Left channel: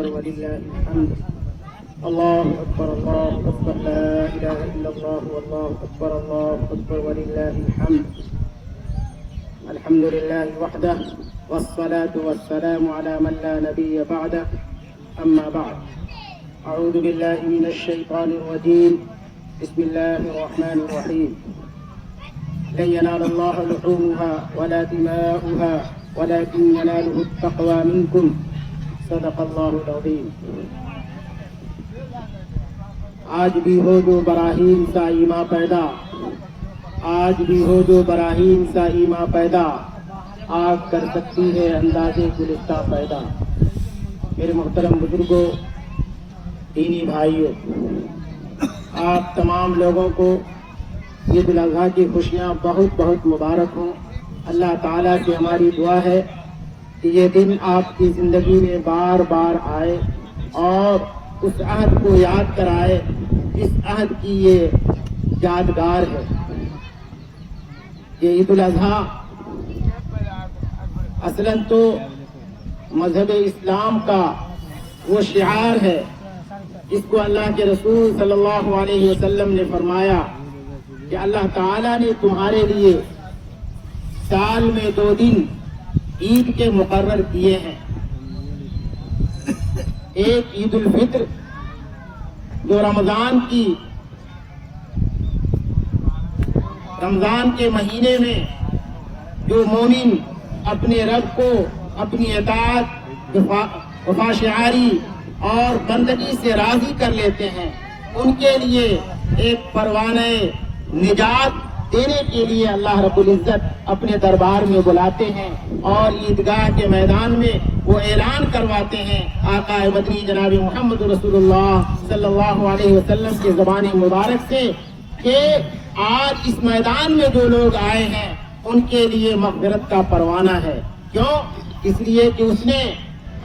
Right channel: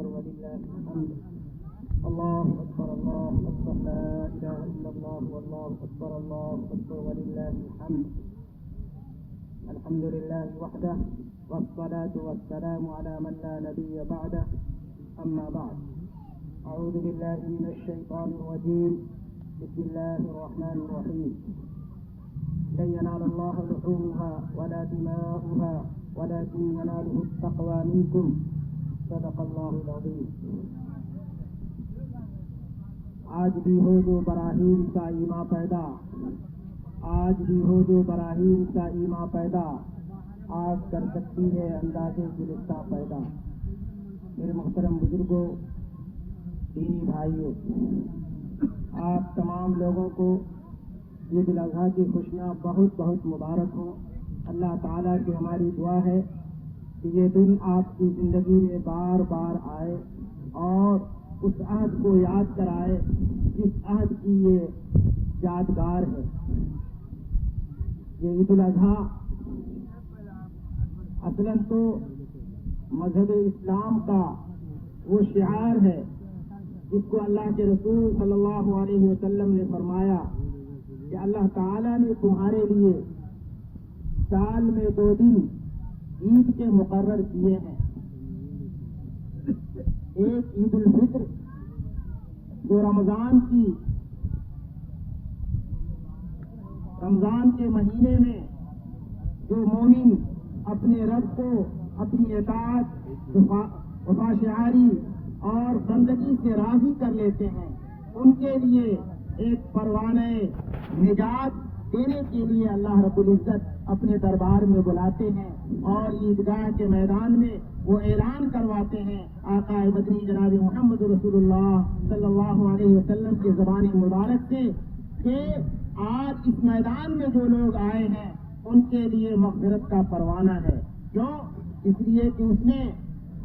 أكبر ولله الحمد. الله أكبر الله أكبر لا إله إلا الله والله أكبر ولله الحمد. الحمد لله وحده والصلاة والسلام على من لا نبي بعده. أما بعد، أعوذ بالله من الشيطان الرجيم. بسم الله الرحمن الرحيم. لن ينال الله لحومها ولا دماؤها ولكن يناله التقوى منكم. صدق الله العظيم. آج بھی ہو جو براہیم سا ایما پیدا، آج بھی ہو جو براہیم سا ایما پیدا، آگ کر سکتی ہے اندازے گلستہ پیدا. میرے محترم بزرگوں، دینی بھائیوں، آپ تمام لوگوں کو عید الاضحیٰ کی خوشیاں بہت بہت مبارک ہوں. اللہ تعالیٰ سے ہماری دعا ہے کہ یہ دن آپ کی زندگی میں بار بار آئے اور اس عہد کو یاد کرائے جس عہد کی یہ یادگار ہے. یہ عید الاضحیٰ اصلاً تو مذہب اسلام کا وہ شعار ہے جس کو اللہ کے رسول صلی اللہ علیہ وسلم نے فرمایا کہ اللہ تعالیٰ نے تمہارے لیے سال میں 2 دن عید کے مقرر کیے ہیں. ایک عید الفطر جو رمضان کے مہینے میں جو مومن اپنے رب کو اپنی اطاعت، وفاشعاری اور بندگی سے راضی کر لیتے ہیں، ان کے لیے ایک پروانہ نجات دینے کے لیے اللہ رب العزت اپنے دربار میں بلاتے ہیں اور عیدگاہ کے میدان میں وہ اعلان کرواتے ہیں آقا مدنی جناب محمد رسول اللہ صلی اللہ علیہ وسلم کے زبان مبارک سے کہ آج اس میدان میں جو لوگ آئے ہیں ان کے لیے مغفرت کا پروانہ ہے. کیوں؟ اس لیے کہ اس نے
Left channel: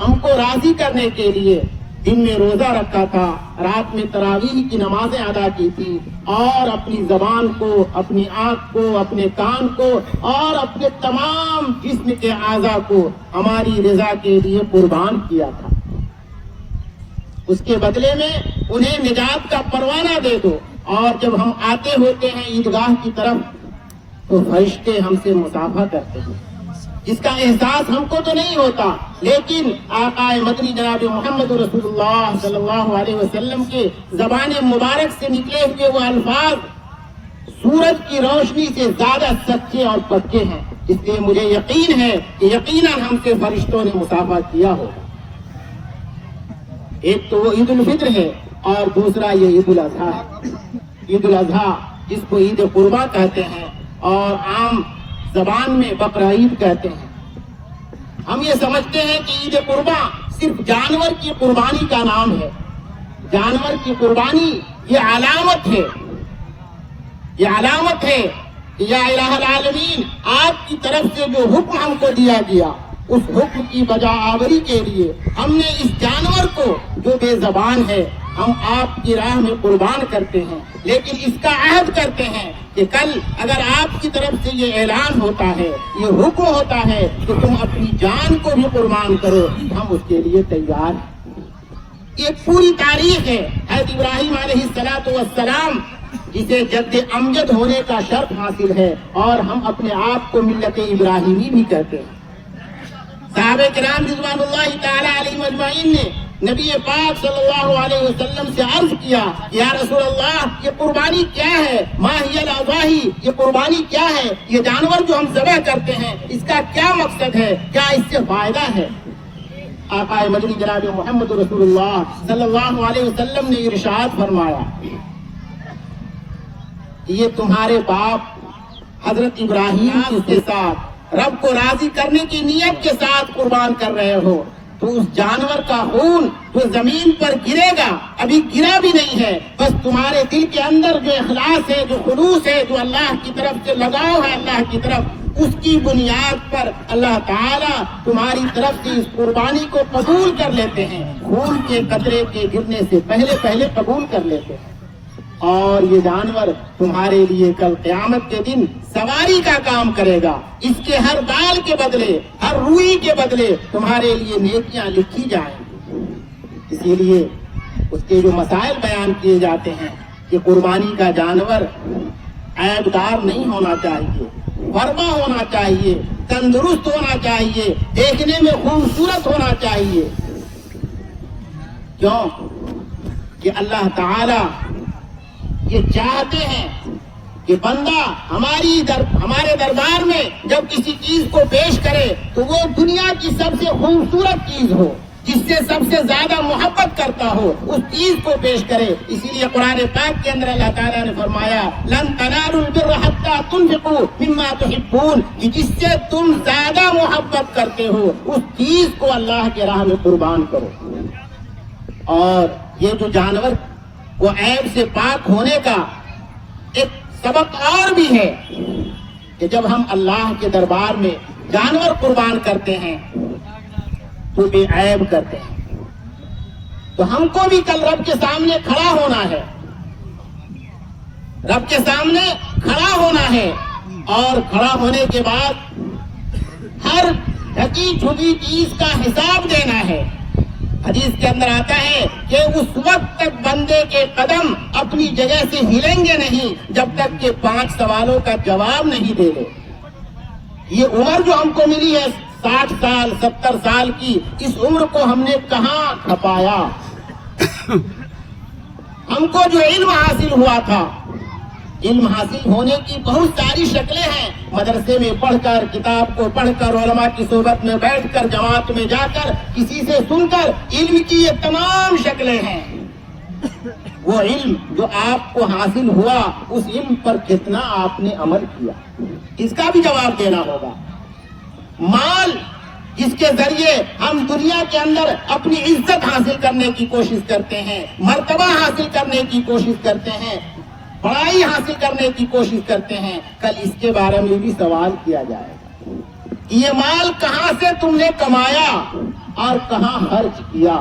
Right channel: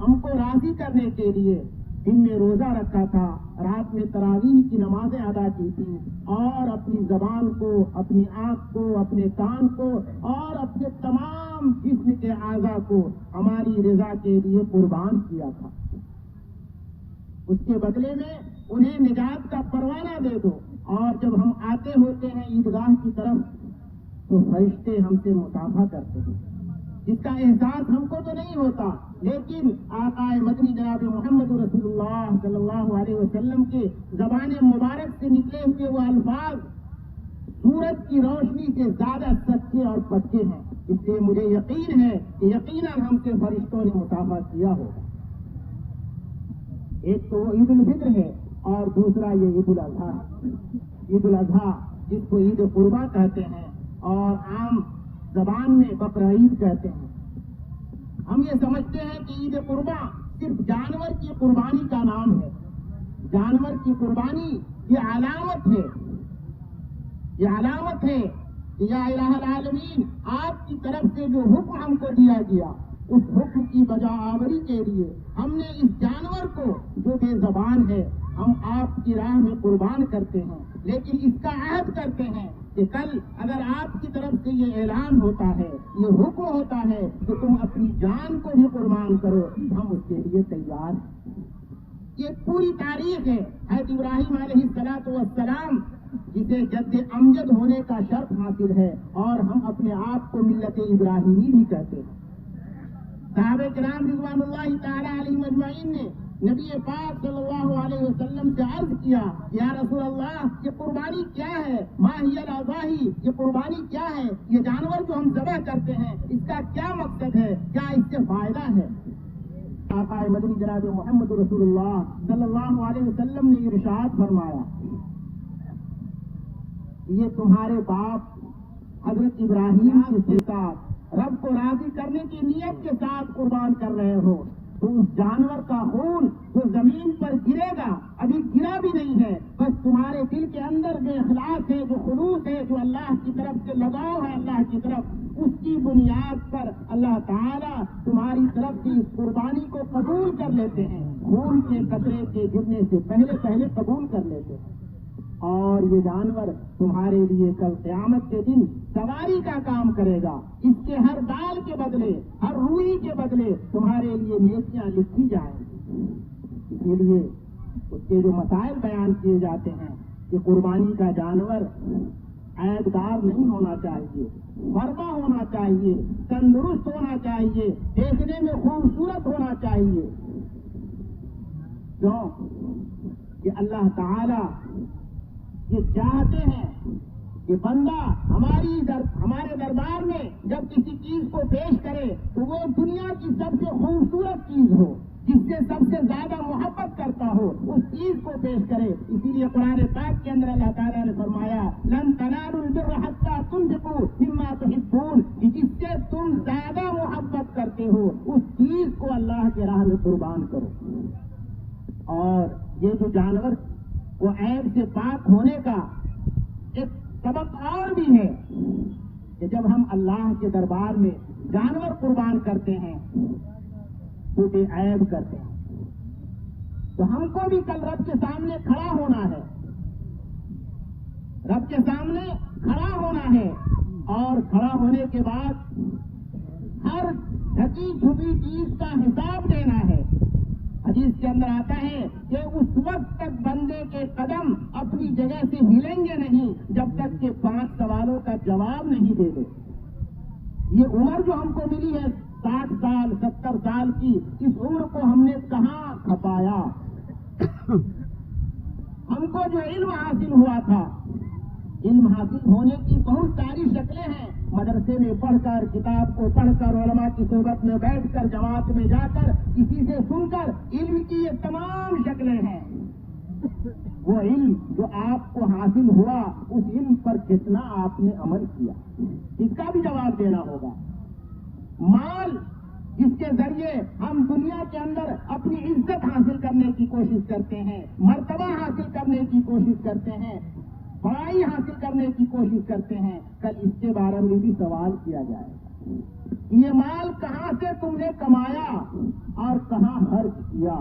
ہم کو راضی کرنے کے لیے دن میں روزہ رکھا تھا، رات میں تراویح کی نمازیں ادا کی تھی اور اپنی زبان کو، اپنی آنکھ کو، اپنے کان کو اور اپنے تمام جسم کے اعضاء کو ہماری رضا کے لیے قربان کیا تھا. اس کے بدلے میں انہیں نجات کا پروانہ دے دو. اور جب ہم آتے ہوتے ہیں عیدگاہ کی طرف تو فرشتے ہم سے مصافحہ کرتے ہیں، جس کا احساس ہم کو تو نہیں ہوتا، لیکن آقا مدنی جناب محمد رسول اللہ صلی اللہ علیہ وسلم کے زبان مبارک سے نکلے ہوئے وہ الفاظ سورج کی روشنی سے زیادہ سچے اور پکے ہیں. اس لیے مجھے یقین ہے کہ یقیناً ہم سے فرشتوں نے مصافحہ کیا ہوگا. ایک تو وہ عید الفطر ہے اور دوسرا یہ عید الاضحیٰ ہے. عید الاضحیٰ جس کو عید قربا کہتے ہیں اور عام زبان میں بقرعید کہتے ہیں. ہم یہ سمجھتے ہیں کہ عید قربا صرف جانور کی قربانی کا نام ہے. جانور کی قربانی یہ علامت ہے، یہ علامت ہے کہ یا الہ العالمین آپ کی طرف سے جو حکم ہم کو دیا گیا اس حکم کی بجا آوری کے لیے ہم نے اس جانور کو جو بے زبان ہے ہم آپ کی راہ میں قربان کرتے ہیں. لیکن اس کا عہد کرتے ہیں کہ کل اگر آپ کی طرف سے یہ اعلان ہوتا ہے، یہ حکم ہوتا ہے کہ تم اپنی جان کو بھی قربان کرو، ہم اس کے لیے تیار ہیں. یہ پوری تاریخ ہے. حضرت ابراہیم علیہ السلام جسے جد امجد ہونے کا شرف حاصل ہے اور ہم اپنے آپ کو ملت ابراہیمی بھی کہتے ہیں. صحابہ کرام رضوان اللہ تعالی علیہم اجمعین نے نبی پاک صلی اللہ علیہ وسلم سے عرض کیا یا رسول اللہ یہ قربانی کیا ہے؟ ما ہی الاضاحی، یہ قربانی کیا ہے؟ یہ جانور جو ہم ذبح کرتے ہیں اس کا کیا مقصد ہے؟ کیا اس سے فائدہ ہے؟ آقا مدنی جناب محمد رسول اللہ صلی اللہ علیہ وسلم نے ارشاد فرمایا یہ تمہارے باپ حضرت ابراہیم کے ساتھ رب کو راضی کرنے کی نیت کے ساتھ قربان کر رہے ہو تو اس جانور کا خون جو زمین پر گرے گا، ابھی گرا بھی نہیں ہے، بس تمہارے دل کے اندر جو اخلاص ہے، جو خلوص ہے، جو اللہ کی طرف سے لگاؤ ہے اللہ کی طرف، اس کی بنیاد پر اللہ تعالیٰ تمہاری طرف سے اس قربانی کو قبول کر لیتے ہیں. خون کے قطرے کے گرنے سے پہلے قبول کر لیتے ہیں. اور یہ جانور تمہارے لیے کل قیامت کے دن سواری کا کام کرے گا. اس کے ہر بال کے بدلے، ہر روئی کے بدلے تمہارے لیے نیکیاں لکھی جائیں گی. اسی لیے اس کے جو مسائل بیان کیے جاتے ہیں کہ قربانی کا جانور عیب دار نہیں ہونا چاہیے، ورما ہونا چاہیے، تندرست ہونا چاہیے، دیکھنے میں خوبصورت ہونا چاہیے۔ کیوں کہ اللہ تعالی یہ چاہتے ہیں کہ بندہ ہمارے دربار میں جب کسی چیز کو پیش کرے تو وہ دنیا کی سب سے خوبصورت چیز ہو، جس سے سب سے زیادہ محبت کرتا ہو، اس چیز کو پیش کرے۔ اسی لیے قرآن پاک کے اندر اللہ تعالیٰ نے فرمایا لن تنالوا البر حتى تنفقوا مما تحبون، کہ جس سے تم زیادہ محبت کرتے ہو اس چیز کو اللہ کے راہ میں قربان کرو۔ اور یہ جو جانور کو عیب سے پاک ہونے کا ایک سبق اور بھی ہے کہ جب ہم اللہ کے دربار میں جانور قربان کرتے ہیں تو بے عیب کرتے ہیں، تو ہم کو بھی کل رب کے سامنے کھڑا ہونا ہے، رب کے سامنے کھڑا ہونا ہے، اور کھڑا ہونے کے بعد ہر ڈھکی چھپی چیز کا حساب دینا ہے۔ حدیث کے اندر آتا ہے کہ اس وقت تک بندے کے قدم اپنی جگہ سے ہلیں گے نہیں جب تک کہ 5 سوالوں کا جواب نہیں دے لے۔ یہ عمر جو ہم کو ملی ہے 60 سال 70 سال کی، اس عمر کو ہم نے کہاں کھپایا؟ ہم کو جو علم حاصل ہوا تھا، علم حاصل ہونے کی بہت ساری شکلیں ہیں، مدرسے میں پڑھ کر، کتاب کو پڑھ کر، علماء کی صحبت میں بیٹھ کر، جماعت میں جا کر، کسی سے سن کر، علم کی یہ تمام شکلیں ہیں۔ وہ علم جو آپ کو حاصل ہوا، اس علم پر کتنا آپ نے عمل کیا، اس کا بھی جواب دینا ہوگا۔ مال جس کے ذریعے ہم دنیا کے اندر اپنی عزت حاصل کرنے کی کوشش کرتے ہیں، مرتبہ حاصل کرنے کی کوشش کرتے ہیں، بڑائی حاصل کرنے کی کوشش کرتے ہیں، کل اس کے بارے میں بھی سوال کیا جائے گا۔ یہ مال کہاں سے تم نے کمایا اور کہاں خرچ کیا؟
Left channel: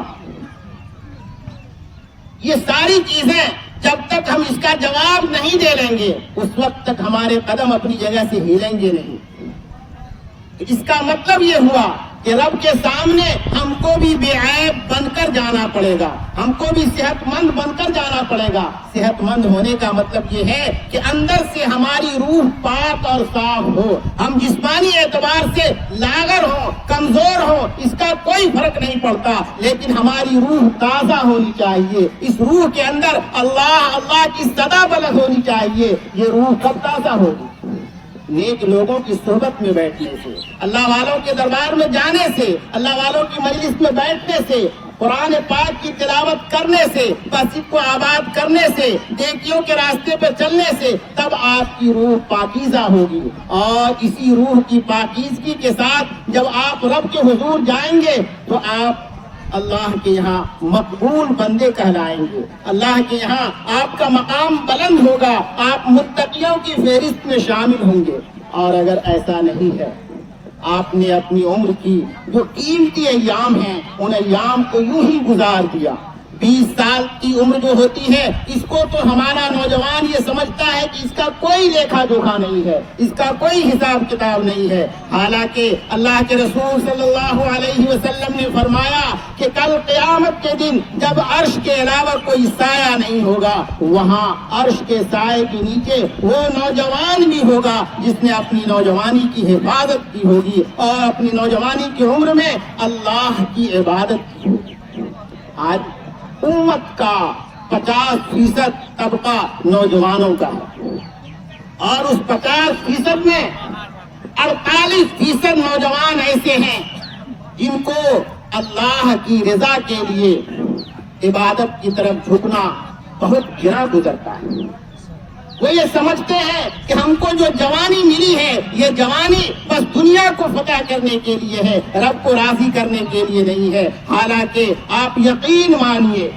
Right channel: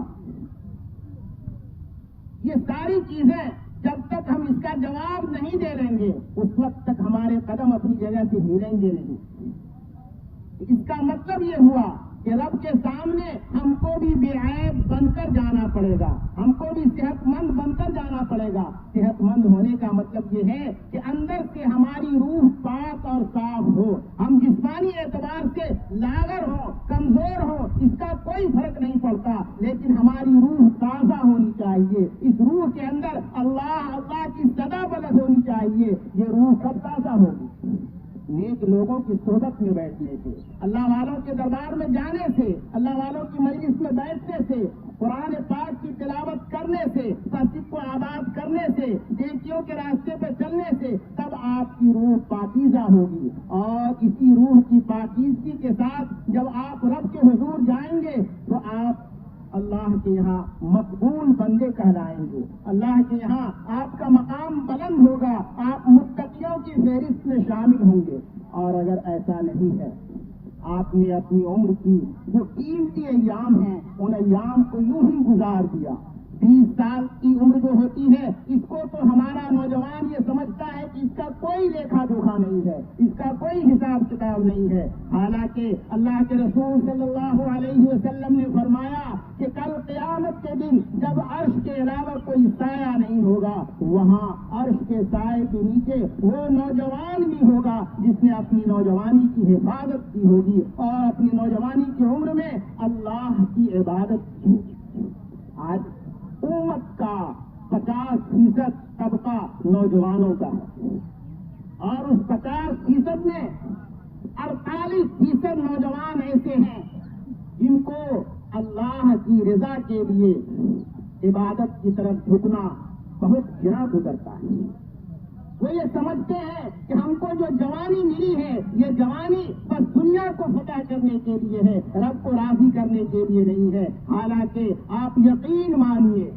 یہ ساری چیزیں جب تک ہم اس کا جواب نہیں دے لیں گے اس وقت تک ہمارے قدم اپنی جگہ سے ہلیں گے نہیں۔ اس کا مطلب یہ ہوا کہ رب کے سامنے ہم کو بھی بے عیب بن کر جانا پڑے گا، ہم کو بھی صحت مند بن کر جانا پڑے گا۔ صحت مند ہونے کا مطلب یہ ہے کہ اندر سے ہماری روح پاک اور صاف ہو، ہم جسمانی اعتبار سے لاغر ہوں، کمزور ہوں، اس کا کوئی فرق نہیں پڑتا، لیکن ہماری روح تازہ ہونی چاہیے۔ اس روح کے اندر اللہ اللہ کی صدا بلند ہونی چاہیے۔ یہ روح کب تازہ ہوگی؟ نیک لوگوں کی صحبت میں بیٹھنے سے، اللہ والوں کے دربار میں جانے سے، اللہ والوں کی مجلس میں بیٹھنے سے، قرآن پاک کی تلاوت کرنے سے، مسجد کو آباد کرنے سے، نیکیوں کے راستے پہ چلنے سے، تب آپ کی روح پاکیزہ ہوگی۔ اور اسی روح کی پاکیزگی کے ساتھ جب آپ رب کے حضور جائیں گے تو آپ اللہ کے یہاں مقبول بندے کہلائیں گے، اللہ کے یہاں آپ کا مقام بلند ہوگا، آپ متقیوں کی فہرست میں شامل ہوں گے۔ اور اگر ایسا نہیں ہے، آپ نے اپنی عمر کی جو قیمتی ایام ہیں ان ایام کو یوں ہی گزار دیا۔ 20 سال کی عمر جو ہوتی ہے، اس کو تو ہمارا نوجوان یہ سمجھتا ہے کہ اس کا کوئی لیکھا جوکھا نہیں ہے، اس کا کوئی حساب کتاب نہیں ہے، حالانکہ اللہ کے رسول صلی اللہ علیہ وسلم نے فرمایا کہ کل قیامت کے دن جب عرش کے علاوہ کوئی سایہ نہیں ہوگا، وہاں عرش کے سائے کے نیچے وہ نوجوان بھی ہوگا جس نے اپنی نوجوانی کی حفاظت کی ہوگی اور اپنی نوجوانی کی عمر میں اللہ کی عبادت کی ہوگی۔ آج امت کا 50% طبقہ نوجوانوں کا ہے، اور اس 50% میں 48% نوجوان ایسے ہیں جن کو اللہ کی رضا کے لیے عبادت کی طرف جھکنا بہت گرا گزرتا ہے۔ وہ یہ سمجھتے ہیں کہ ہم کو جو جوانی ملی ہے، یہ جوانی بس دنیا کو فتح کرنے کے لیے ہے، رب کو راضی کرنے کے لیے نہیں ہے۔ حالانکہ آپ یقین مانیے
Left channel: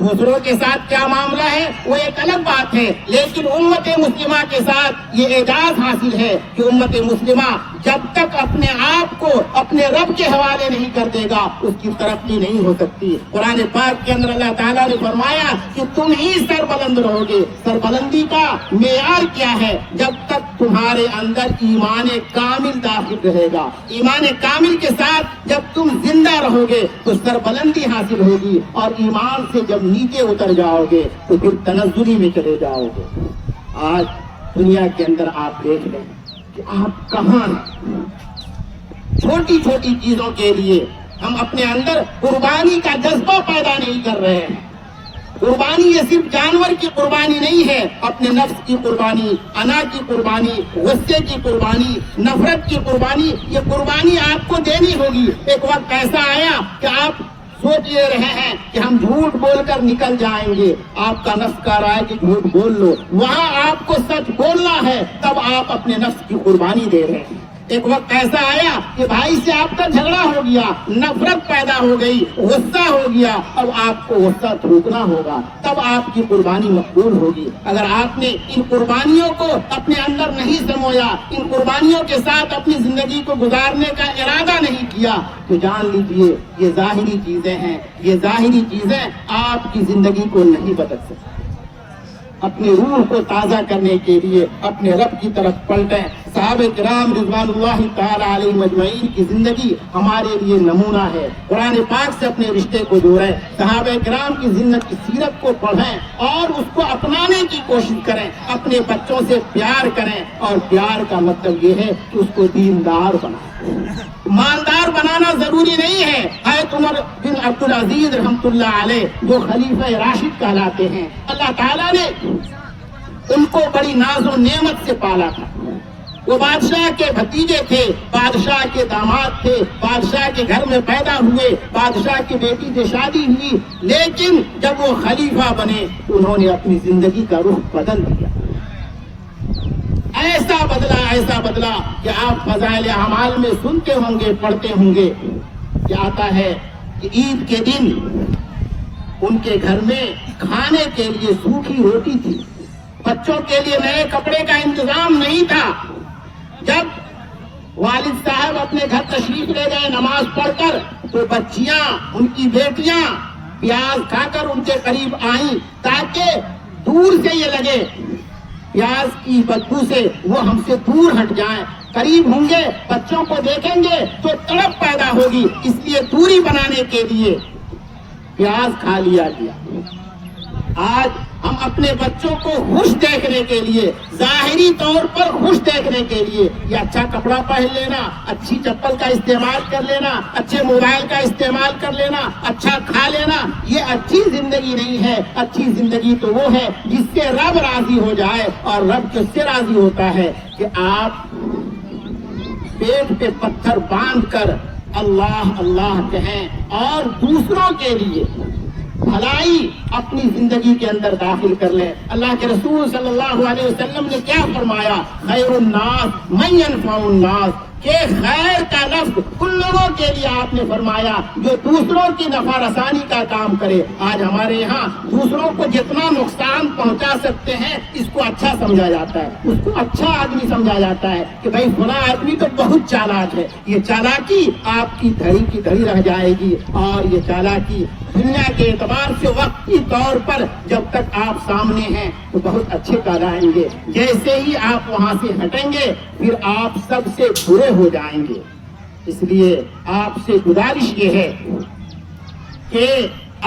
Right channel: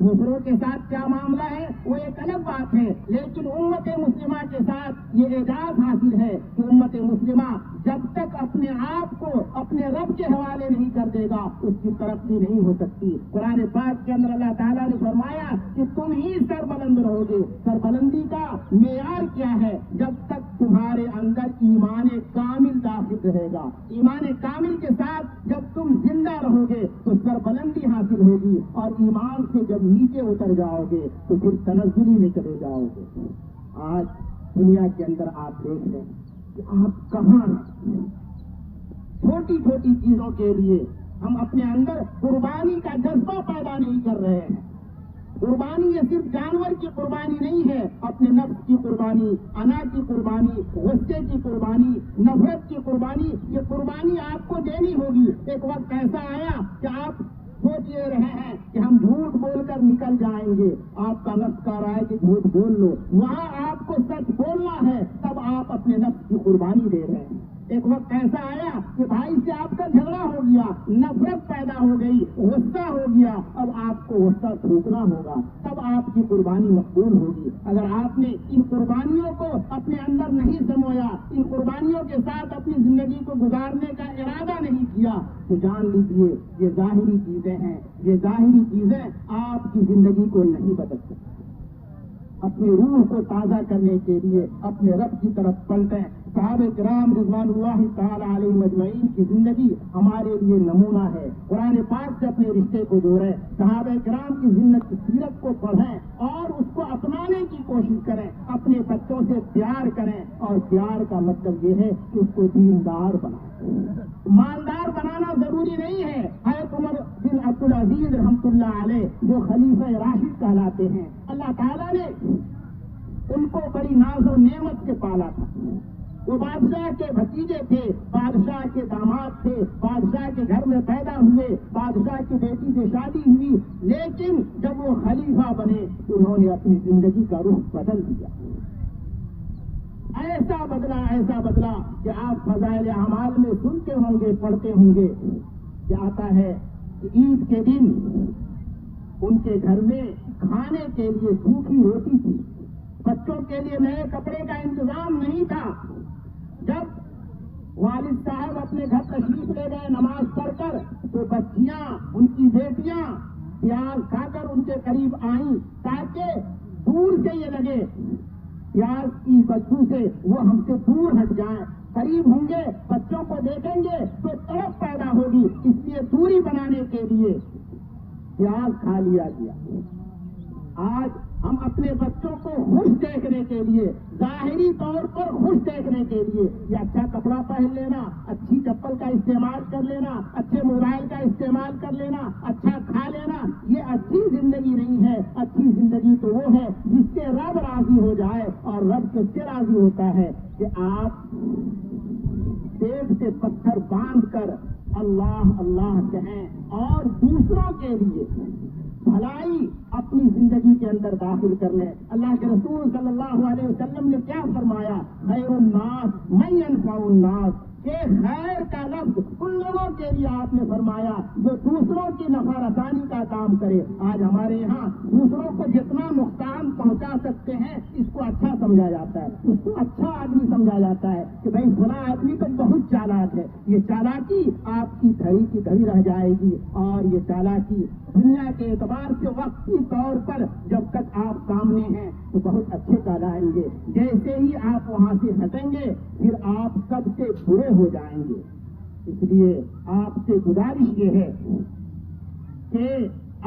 دوسروں کے ساتھ کیا معاملہ ہے وہ ایک الگ بات ہے، لیکن امت مسلمہ کے ساتھ یہ اعجاز حاصل ہے کہ امت مسلمہ جب تک اپنے آپ کو اپنے رب کے حوالے نہیں کر دے گا اس کی ترقی نہیں ہو سکتی۔ قرآن پاک کے اندر اللہ تعالیٰ نے فرمایا کہ تم ہی سربلند رہو گے۔ سربلندی کا معیار کیا ہے؟ جب تک تمہارے اندر ایمان کامل داخل رہے گا، ایمان کامل کے ساتھ جب تم زندہ رہو گے تو سربلندی حاصل ہوگی، اور ایمان سے جب نیچے اتر جاؤ گے تو پھر تنزلی میں چلے جاؤ گے۔ آج دنیا کے اندر آپ دیکھ لیں کہ آپ کہاں ہیں؟ چھوٹی چھوٹی چیزوں کے لیے ہم اپنے اندر قربانی کا جذبہ پیدا نہیں کر رہے ہیں۔ قربانی یہ صرف جانور کی قربانی نہیں ہے، اپنے نفس کی قربانی، انا کی قربانی، غصے کی قربانی، نفرت کی قربانی، یہ قربانی آپ کو دینی ہوگی۔ ایک وقت ایسا آیا کہ آپ سوچ لے رہے ہیں کہ ہم جھوٹ بول کر نکل جائیں گے، آپ کا نفس کہہ رہا ہے کہ جھوٹ بول لو، وہاں آپ کو سچ بولنا ہے، تب آپ اپنے نفس کی قربانی دے رہے ہیں۔ ایک وقت ایسا آیا کہ بھائی سے آپ کا جھگڑا ہو گیا، نفرت پیدا ہو گئی، غصہ ہو گیا، اب آپ کو غصہ تھوکنا ہوگا، تب آپ کی قربانی مقبول ہوگی۔ اگر آپ نے ان قربانیوں کو اپنے اندر نہیں سمویا، ان قربانیوں کے ساتھ اپنی زندگی کو گزارنے کا ارادہ نہیں کیا تو جان لیجیے یہ ظاہری چیزیں ہیں، یہ ظاہری چیزیں آپ کی زندگی کو نہیں بدل سکتی۔ اپنی روح کو تازہ کرنے کے لیے اپنے رب کی طرف پلٹیں۔ صحابہ کرام رضوان اللہ تعالی علیہ مجمعین کی زندگی ہمارے لیے نمونہ ہے۔ قرآن پاک سے اپنے رشتے کو جوڑیں، صحابہ کرام کی زندگی سیرت کو پڑھیں اور اس کو اپنانے کی کوشش کریں۔ اپنے بچوں سے پیار کریں، اور پیار کا مطلب یہ ہے کہ اس کو دیندار بنائیں۔ مالدار بنانا ضروری نہیں ہے۔ حضرت عمر بن عبدالعزیز رحمۃ اللہ علیہ جو خلیفہ راشد کہلاتے ہیں، اللہ تعالیٰ نے ان کو بڑی ناز و نعمت سے پالا تھا۔ وہ بادشاہ کے بھتیجے تھے، بادشاہ کے داماد تھے، بادشاہ کے گھر میں پیدا ہوئے، بادشاہ کی بیٹی سے شادی ہوئی، لیکن جب وہ خلیفہ بنے تو انہوں نے اپنی زندگی کا رخ بدل دیا۔ ایسا بدلا کہ آپ فضائل اعمال میں سنتے ہوں گے، پڑھتے ہوں گے کہ آتا ہے کہ عید کے دن ان کے گھر میں کھانے کے لیے سوکھی روٹی تھی، بچوں کے لیے نئے کپڑے کا انتظام نہیں تھا۔ جب والد صاحب اپنے گھر تشریف لے گئے نماز پڑھ کر تو بچیاں، ان کی بیٹیاں پیاز کھا کر ان کے قریب آئیں تاکہ دور سے یہ لگے پیاز کی بدبو سے وہ ہم سے دور ہٹ جائیں۔ قریب ہوں گے، بچوں کو دیکھیں گے تو تڑپ پیدا ہوگی، اس لیے دوری بنانے کے لیے پیاز کھا لیا گیا۔ آج ہم اپنے بچوں کو خوش دیکھنے کے لیے، ظاہری طور پر خوش دیکھنے کے لیے یہ اچھا کپڑا پہن لینا، اچھی چپل کا استعمال کر لینا، اچھے موبائل کا استعمال کر لینا، اچھا کھا لینا، یہ اچھی زندگی نہیں ہے۔ اچھی زندگی تو وہ ہے جس سے رب راضی ہو جائے، اور رب کس سے راضی ہوتا ہے کہ آپ پیٹ پہ پتھر باندھ کر اللہ اللہ کہیں اور دوسروں کے لیے بھلائی اپنی زندگی کے اندر داخل کر لیں۔ اللہ کے رسول صلی اللہ علیہ وسلم نے کیا فرمایا؟ خیر الناس من ينفع الناس، کہ خیر کا لفظ ان لوگوں کے لیے آپ نے فرمایا جو دوسروں کی نفع رسانی کا کام کرے۔ آج ہمارے یہاں دوسروں کو جتنا نقصان پہنچا سکتے ہیں اس کو اچھا سمجھا جاتا ہے، اس کو اچھا آدمی سمجھا جاتا ہے کہ بھائی فلاں آدمی تو بہت چالاک ہے۔ یہ چالاکی آپ کی دھڑی کی دھڑی رہ جائے گی، اور یہ چالاکی دنیا کے اعتبار سے وقتی طور پر جب تک آپ سامنے ہیں تو بہت اچھے کہلائیں گے، جیسے ہی آپ وہاں سے ہٹیں گے پھر آپ سب سے برے ہو جائیں گے۔ اس لیے آپ سے گزارش یہ ہے کہ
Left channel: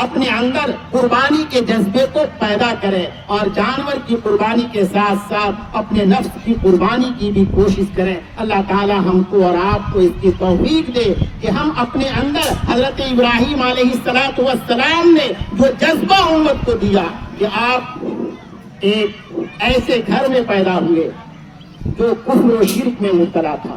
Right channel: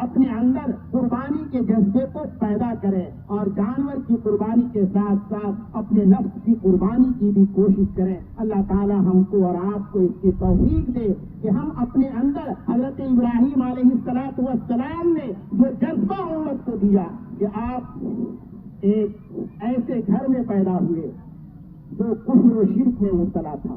اپنے اندر قربانی کے جذبے کو پیدا کریں، اور جانور کی قربانی کے ساتھ ساتھ اپنے نفس کی قربانی کی بھی کوشش کریں۔ اللہ تعالی ہم کو اور آپ کو اس کی توفیق دے کہ ہم اپنے اندر حضرت ابراہیم علیہ السلام نے جو جذبہ امت کو دیا کہ آپ ایک ایسے گھر میں پیدا ہوئے جو کفر و شرک میں مبتلا تھا،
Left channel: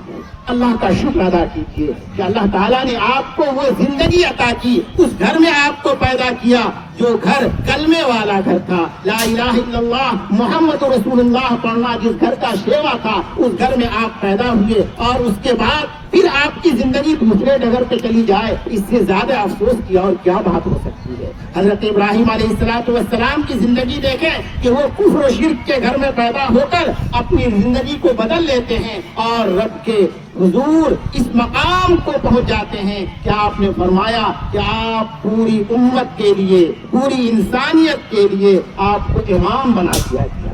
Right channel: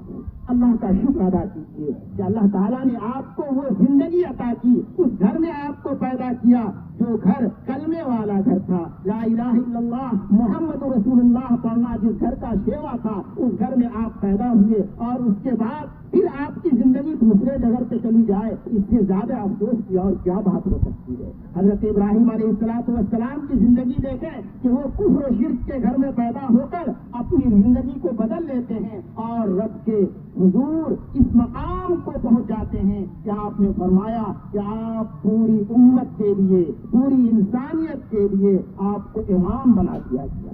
اللہ کا شکر ادا کیجیے کہ اللہ تعالیٰ نے آپ کو وہ زندگی عطا کی، اس گھر میں آپ کو پیدا کیا جو گھر کلمے والا گھر تھا، لا الہ الا اللہ محمد رسول اللہ پڑھنا جس گھر کا شیوا تھا، اس گھر میں آپ پیدا ہوئے اور اس کے بعد پھر آپ کی زندگی دوسرے ڈگر پہ چلی جائے، اس سے زیادہ افسوس کی اور کیا بات ہو سکتی ہے؟ حضرت ابراہیم علیہ السلام کی زندگی دیکھیں کہ وہ کفر و شرک کے گھر میں پیدا ہو کر اپنی زندگی کو بدل لیتے ہیں اور رب کے حضور اس مقام کو پہنچ جاتے ہیں کہ آپ نے فرمایا کہ آپ پوری امت کے لیے، پوری انسانیت کے لیے آپ کو امام بنا دیا گیا۔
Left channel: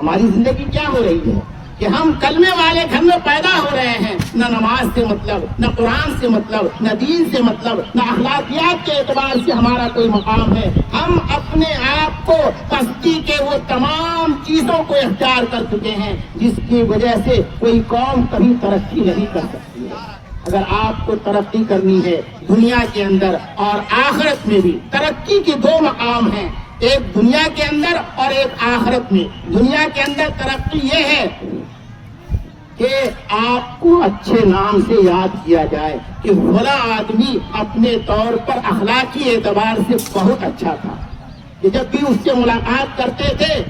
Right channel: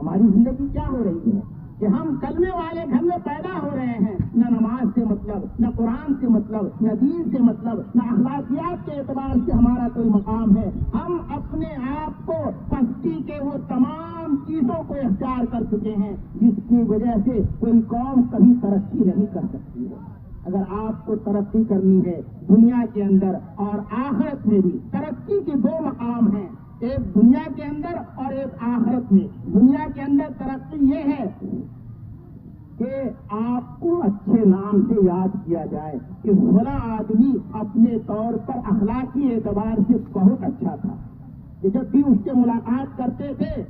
ہماری زندگی کیا ہو رہی ہے کہ ہم کلمے والے گھر میں پیدا ہو رہے ہیں، نہ نماز سے مطلب، نہ قرآن سے مطلب، نہ دین سے مطلب، نہ اخلاقیات کے اعتبار سے ہمارا کوئی مقام ہے۔ ہم اپنے آپ کو پستی کے وہ تمام چیزوں کو اختیار کر چکے ہیں جس کی وجہ سے کوئی قوم کبھی ترقی نہیں کر سکتی ہے۔ اگر آپ کو ترقی کرنی ہے دنیا کے اندر اور آخرت میں بھی، ترقی کے دو مقام ہیں، ایک دنیا کے اندر اور ایک آخرت میں۔ دنیا کے اندر ترقی یہ ہے کہ آپ کو اچھے نام سے یاد کیا جائے کہ فلاں آدمی اپنے طور پر اخلاقی اعتبار سے بہت اچھا تھا، کہ جب بھی اس سے ملاقات کرتے تھے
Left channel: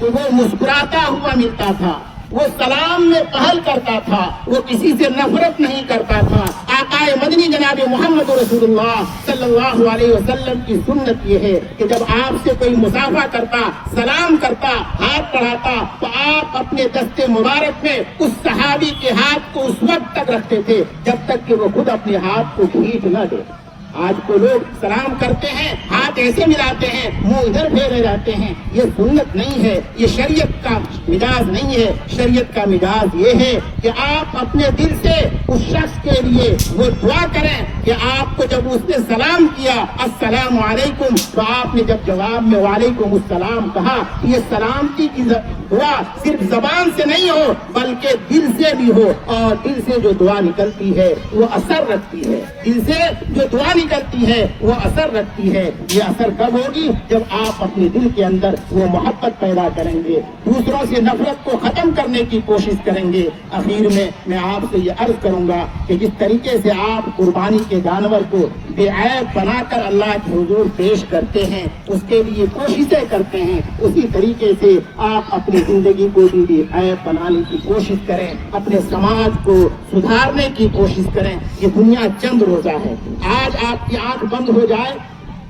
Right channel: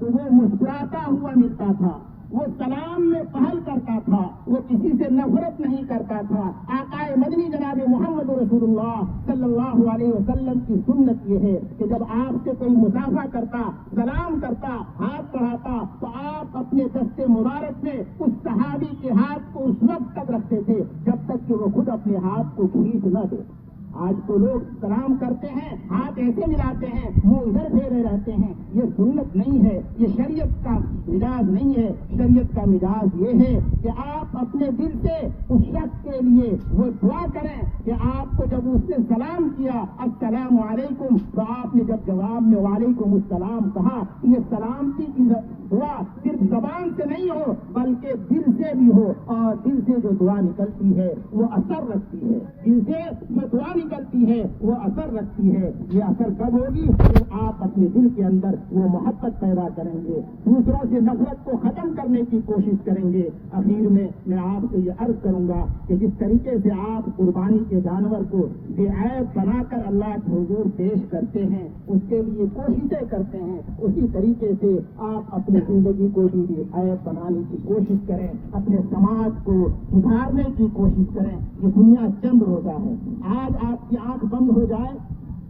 تو وہ مسکراتا ہوا ملتا تھا، وہ سلام میں پہل کرتا تھا، وہ کسی سے نفرت نہیں کرتا تھا۔ آقا مدنی جناب محمد رسول اللہ صلی اللہ علیہ وسلم کی سنت یہ ہے کہ جب آپ سے کوئی مصافحہ کرتا، سلام کرتا، ہاتھ بڑھاتا تو آپ اپنے دستے مبارک میں اس صحابی کے ہاتھ کو اس وقت تک رکھتے تھے جب تک کہ وہ خود اپنے ہاتھ کو کھینچ نہ دے۔ آج کو لوگ سلام کرتے ہیں، ہاتھ ایسے ملاتے ہیں، منہ ادھر پھیرے رہتے ہیں، یہ سنت نہیں ہے، یہ شریعت کا مزاج نہیں ہے۔ شریعت کا مزاج یہ ہے کہ آپ اپنے دل سے اس شخص کے لیے وہ دعا کریں کہ آپ کو جب اس نے سلام کیا السلام علیکم تو آپ نے جب جواب میں وعلیکم السلام کہا، یہ سلامتی کی دعا صرف زبان سے نہیں ہو بلکہ دل سے بھی ہو، اور دل سے جو دعا نکلتی ہے وہ اثر رکھتی ہے، دل سے جو دعا نکلتی ہے وہ اثر رکھتی ہے۔ یہ اثر کب ہوگی؟ جب آپ اپنے دل کے اندر وہ محبت پیدا کریں گے، دوسروں سے نفرت کو ختم کرنے کی کوشش کریں گے۔ اخیر میں آپ سے یہ عرض کروں گا کہ جس طریقے سے آپ قربانی کے جانور کو بے عیب بنا کر اللہ کے حضور پیش کرتے ہیں، اس کے لیے کوششیں کرتے ہیں، اسی طریقے سے آپ اپنی زندگی کو بھی بے عیب بنانے کی کوشش کریں، اپنے سماج کو سدھارنے کی کوشش کریں۔ یہ دنیا چند روزہ ہے، آج آپ کی آنکھ بند ہو جائے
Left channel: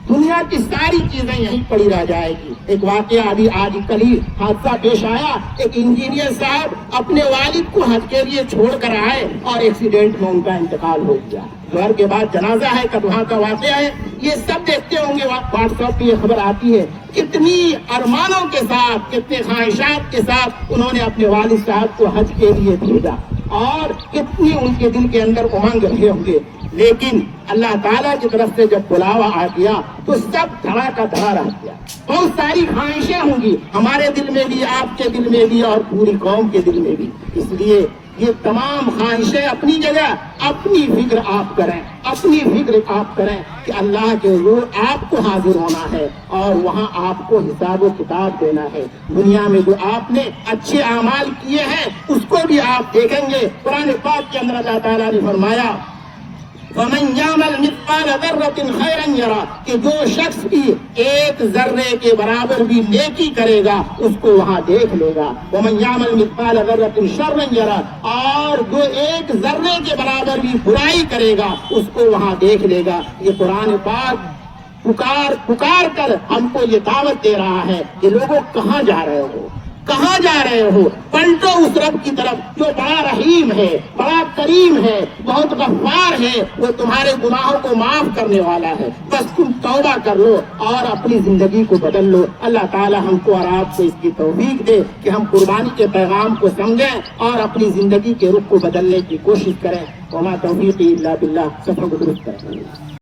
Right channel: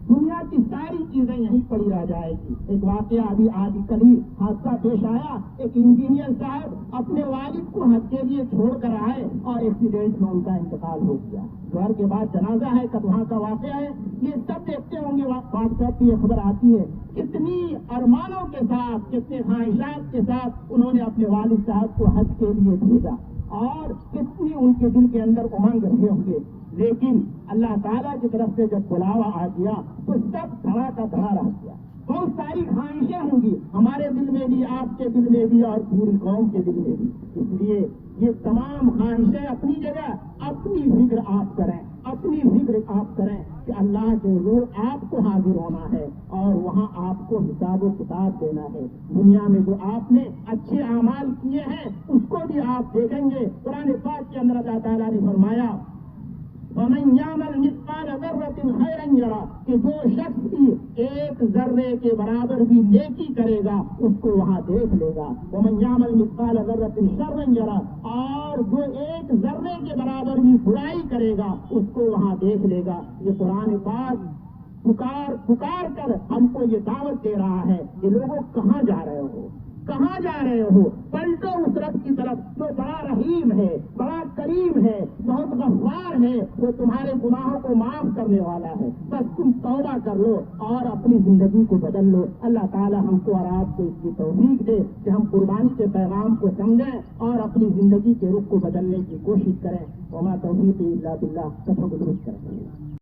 دنیا کی ساری چیزیں یہیں پڑی رہ جائے گی۔ ایک واقعہ ابھی آج کل ہی حادثہ پیش آیا، ایک انجینئر صاحب اپنے والد کو حج کے لیے چھوڑ کر آئے اور ایکسیڈنٹ میں ان کا انتقال ہو گیا۔ گھر کے بعد جنازہ ہے، کب وہاں کا واقعہ ہے، یہ سب دیکھتے ہوں گے، واٹس ایپ پہ یہ خبر آتی ہے۔ کتنی ارمانوں کے ساتھ، کتنے خواہشات کے ساتھ انہوں نے اپنے والد صاحب کو حج کے لیے بھیجا اور کتنی ان کے دل کے اندر امنگ رہے ہوں گے، لیکن اللہ تعالیٰ کی طرف سے جب بلاوا آ گیا تو سب دھڑا کا دھڑا رہ گیا۔ بہت ساری خواہشیں ہوں گی ہمارے دل میں بھی، آپ کے دل میں بھی اور پوری قوم کے دل میں بھی۔ اس لیے یہ تمام خواہشیں اپنی جگہ، اپنی فکر آپ کریں، اپنی فکر آپ کریں کہ اللہ کے حضور آپ کو حاضر ہونا ہے اور وہاں آپ کو حساب و کتاب دینا ہے۔ دنیا میں جو آپ نے اچھے اعمال کیے ہیں اس کو بھی آپ دیکھیں گے۔ قرآن پاک کے اندر اللہ تعالیٰ نے فرمایا وَمَنْ يَعْمَلْ مِثْقَالَ ذَرَّةٍ خَيْرًا يَرَهُ، کہ جو شخص بھی ایک ذرے کے برابر بھی نیکی کرے گا اس کو وہاں دیکھ لے گا۔ وَمَنْ يَعْمَلْ مِثْقَالَ ذَرَّةٍ شَرًّا يَرَهُ، اور جو ایک ذرے کے برابر بھی برائی کرے گا اس کو وہاں دیکھ لے گا۔ یہ قرآن پاک پکار کر ہم کو یہ دعوت دے رہا ہے کہ لوگوں کہاں جا رہے ہو، کہاں جا رہے ہو؟ پلٹو اس رب کی طرف جو بڑا رحیم ہے، بڑا کریم ہے، بہت غفار ہے، وہ تمہارے گناہوں کو معاف کرنے والا ہے۔ بس تم توبہ کر لو اور اپنی زندگی کو بدل لو۔ اللہ تعالی ہم کو اور آپ کو اس کی توفیق دے کہ ہم قربانی کے پیغام کو سمجھیں اور اپنی زندگی کے رخ کو بدلنے کی کوشش کریں۔ وما توفیقی الا باللہ، سفر کو درست کریں۔